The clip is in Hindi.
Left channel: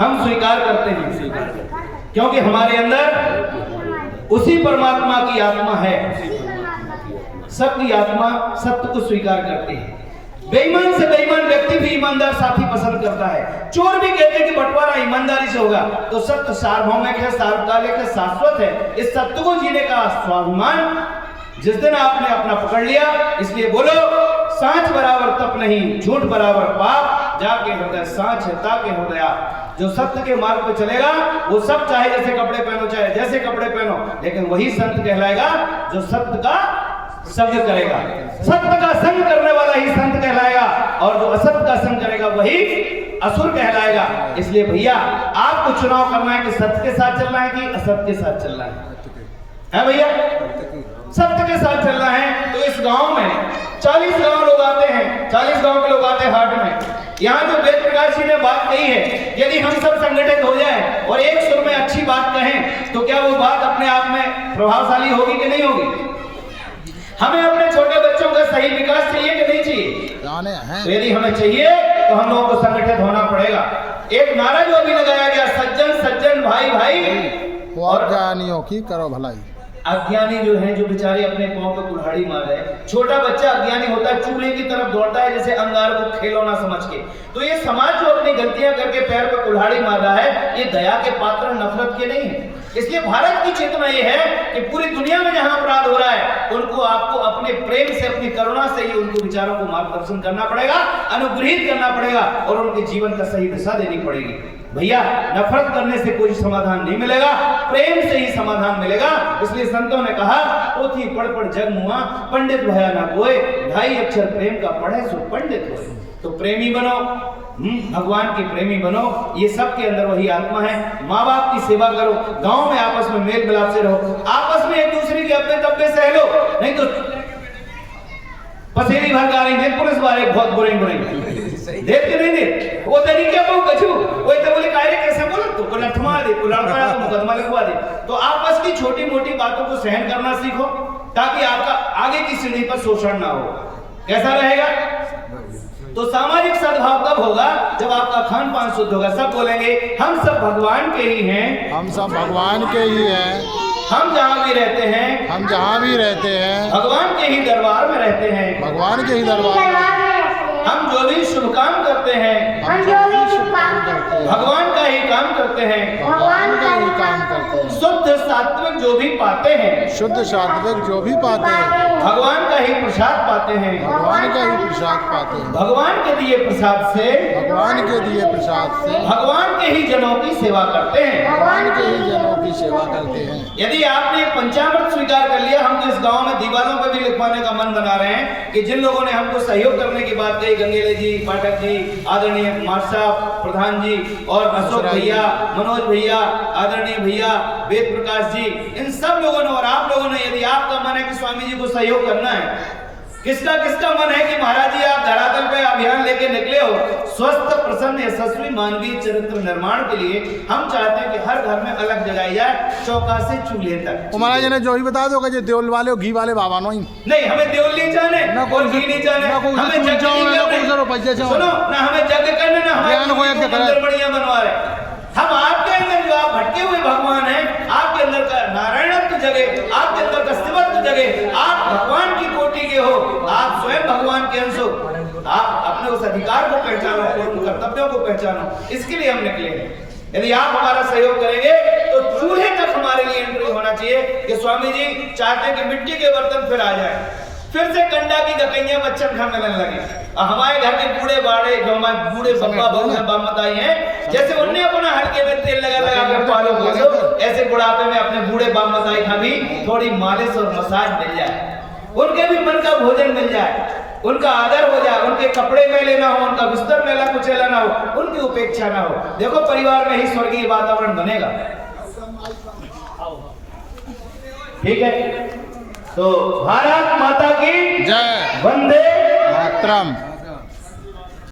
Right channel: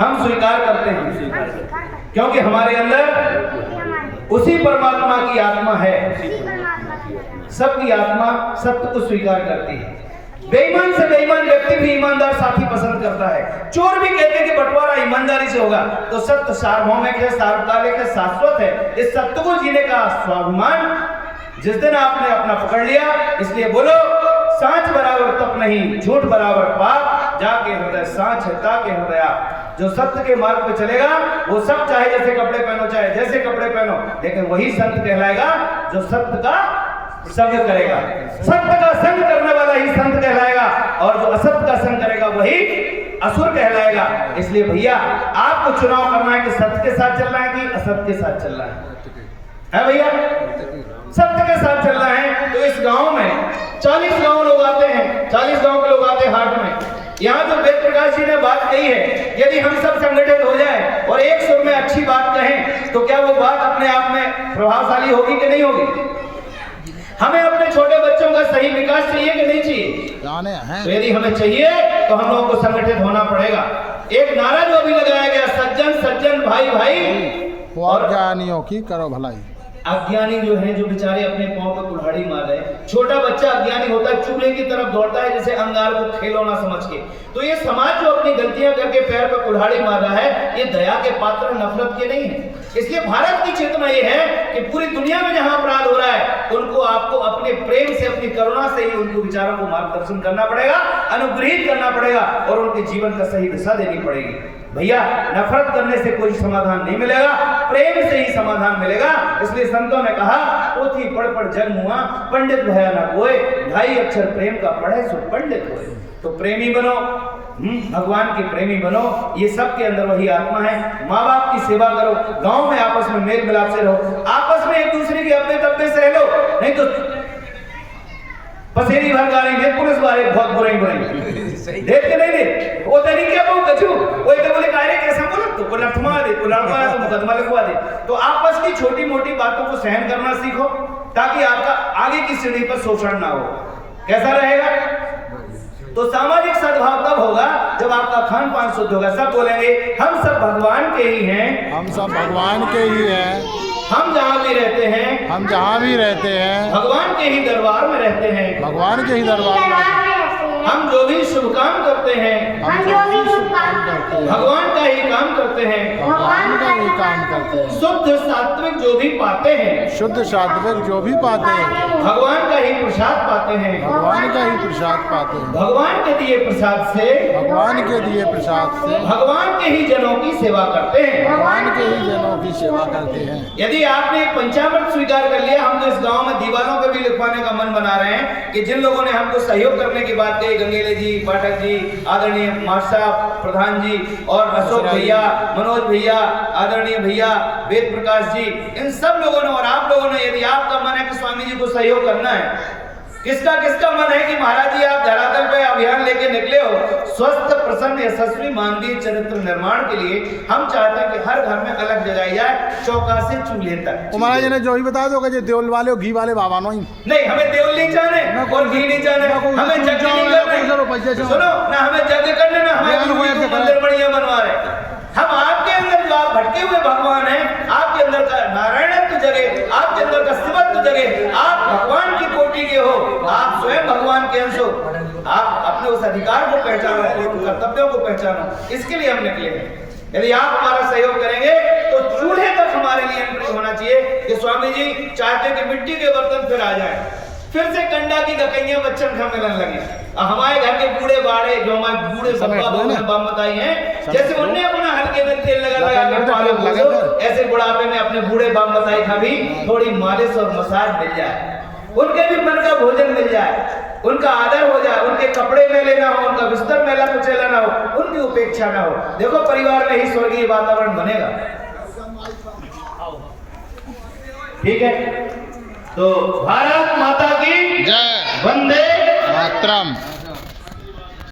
हम स्वीकार करते हैं, क्योंकि हमारे अंदर उसी परमात्मा की आत्मा है। सबकी आत्मा सत्य को स्वीकार करती है। बेईमान से बेईमान व्यक्ति भी ईमानदार साथी पसंद करता है। चोर भी कहते हैं कि बंटवारा ईमानदारी से होगा। तो सत्य सार्वभौमिक है, सार्वकालिक है, शाश्वत है। इस सत्य को जीने का स्वाभिमान जिस दिन आपने अपना पकड़ लिया, इसलिए बोलो सांच बराबर तप नहीं, झूठ बराबर पाप, जाके हृदय सांच है ताके हृदय। जो सत्य के मार्ग पे चलेगा वो सब चाहे जैसे कपड़े पहनो, चाहे जैसे कपड़े पहनो, लेकिन वही संत कहलाएगा जो सत्य का संग करेगा। सत्य का संग करने वाला ही संत कहलाएगा, और जो असत्य का संग करेगा वही असुर कहलाएगा। इसलिए भैया आपको चुनाव करना है कि सत्य के साथ चलना है कि असत्य के साथ चलना है भैया? सत्य के साथ चलना है। तो इस गांव में 40 गांव लोग आते हैं, 40 गांव के लोग आते हैं हाट में। यहाँ जो वेद प्रकाश जी ने बात कही है, यदि हम सब संगठित हो जाए और एक सुर में अच्छी बात कहें तो क्या वो बात अपने आप में प्रभावशाली होगी कि नहीं होगी? हमें अपने छोटे बच्चों का सही विकास चाहिए कि नहीं चाहिए? तो यदि हमें चाहिए तो हम लोगों को संगठित होना पड़ेगा। एक नारा जो अभी लगाया गया, सज्जन सज्जन भाई भाई और अज्ञानियों की करो भलाई। अज्ञानी जो है, जो बेचारे अपने पांव पे कुल्हाड़ी मार रहे हैं। छोटा बच्चा अज्ञानी होता है, चूल्हे की तरफ दौड़ता है जैसे अंगार को खिलौना समझ के। तो ये समाज जो अपनी गलतियां करके पैर पे कुल्हाड़ी मार रहा है, ये दया के पात्र, नफरत के नहीं है। इसलिए भारत की चेतना ये है कि पूरी दुनिया में जहां अपराध हो रहा है, उनको आपको अपने प्रेम से, अपनी करुणा से ही उनको विचारों को मार्गदर्शन करना पड़ेगा, अनुग्रहित करना पड़ेगा और उनके जीवन का सही दिशा देनी पड़ेगी। भैया नफरत करने से कोई समाधान नहीं मिलेगा, प्रेम से ही समाधान मिलेगा। इसलिए संतों ने कहा, पोथी पढ़ पढ़ जग मुआ, पंडित भया ना कोई, ढाई अक्षर प्रेम का पढ़े सो पंडित होए। तो प्रेमी बनो, भगवान के प्रेमी बनो। ये सब के अंदर वही आत्मा है। माँ बाप की सेवा करो, गांव में आपस में मेल मिलाप से रहो, आपस में एक दूसरे के अपने तब्बे सह लो, नहीं तो पसेरी भर गालेंगे पुलिस वाले बहुत बुरे देख के नहीं दे वो तरी क्या कहूं कछु वो तो बोले कायरे कैसा बोला तो बोला थमा दे, बोला तो मुकदमा लिखवा दे। तो आपस की छोटी मोटी बातों को सहन करना सीखो, ताकि आपका आगे की सीढ़ी पर शोषण ना हो। कैसा रहेगा? तो सामाजिक सद्भाव तब होगा जब आपका खान पान शुद्ध होगा। सब बोलेंगे हम सब भगवान के ही हैं, हम सब भगवान के ही हैं, हम जहाँ भी रहते हैं, हम जहाँ भी रहते हैं भगवान के ही दरबार में रहते हैं, भगवान के ही दरबार में। हम जो भी शुभ काम करते हैं, हम जो भी शुभ काम करते हैं भगवान का ही काम करते हैं, भगवान का ही काम करते हैं। शुद्ध सात्विक जो भी पाते हैं, शुद्ध सात्विक जो भी पाते हैं, भगवान का ही प्रसाद पाते हैं, भगवान का ही प्रसाद पाते हैं। भगवान के दिए प्रसाद से, भगवान के दिए प्रसाद से भगवान के ही जनों की सेवा करते हैं, भगवान के ही जनों की सेवा करते हैं। यदि आपने पंचामृत स्वीकार कर लिया, हम तो इस गांव में दीवारों पर भी लिखवाने का मन बना रहे हैं कि जिन लोगों ने हमको सहयोग करने की बात कही, गंगेले जी, पाठक जी, आदरणीय मास्टर साहब, प्रधान जी और अशोक भैया, मनोज भैया, आदरणीय भैया, वेद प्रकाश जी, इन सब लोगों ने और आप लोगों ने, यदि आपका मन है कि स्वामी जी को सहयोग करना है, किसका किसका मन है कि महाराज जी आप धरातल पे अभियान लेके निकले हो स्वस्थ, प्रसन्न, यशस्वी मानवीय चरित्र निर्माण के लिए, हम चाहते हैं कि हर घर में अलग जगाई जाए, चौका से चूल्हे तक। महाराज ने जो ही बता दो कि देवल वाले और घी वाले बाबा नहीं, हमें देवल नहीं जाने और घी नहीं जाने, हमें यज्ञ करने, सुनो ना, हमें यज्ञ करने ना, हमें मंदिर बढ़िया बनवा रहे। हम आपके अंदर जो आप भटके हुए भगवान हैं, आपके अंदर का नारायणत्व जगह, आपके अंदर का शिवत्व जगह, आप भगवान की कोटि के हो, आप स्वयं भगवान के अंश हो, आप अपने उस अधिकार को पहचानो, उन कर्तव्यों को पहचानो, इसके लिए हम निकले हैं। यदि आप हमारा सहयोग करेंगे तो चूल्हे तक हमारे लिए एंट्री होना चाहिए कि स्वामी जी चाहते हैं कि मिट्टी के बर्तन फिर आ जाए, फिर से कंडा की गकैया बच्चन खा मिलने लगे। हमारे घर के बूढ़े बाड़े जो हमारे बूढ़े बप्पा बामताई हैं, जैसे उनने अपना हल्के में तेल लगा लगा कर पालो भोजो, ऐसे बुढ़ापे में अपने बूढ़े बामताई का भी थोड़ी मालिश और मसाज मिल जाए, उनके भी मन का भोजन मिल जाए, उनका आदर हो जाए, उनके कपड़े मेले ना हो, उनका बिस्तर मेला कुचेला ना हो, उनकी उपेक्षा ना हो। देखो परिवार में ही स्वर्गीय वातावरण बनेगा। ठीक है, तो भारत माता की जय, वंदे मातरम।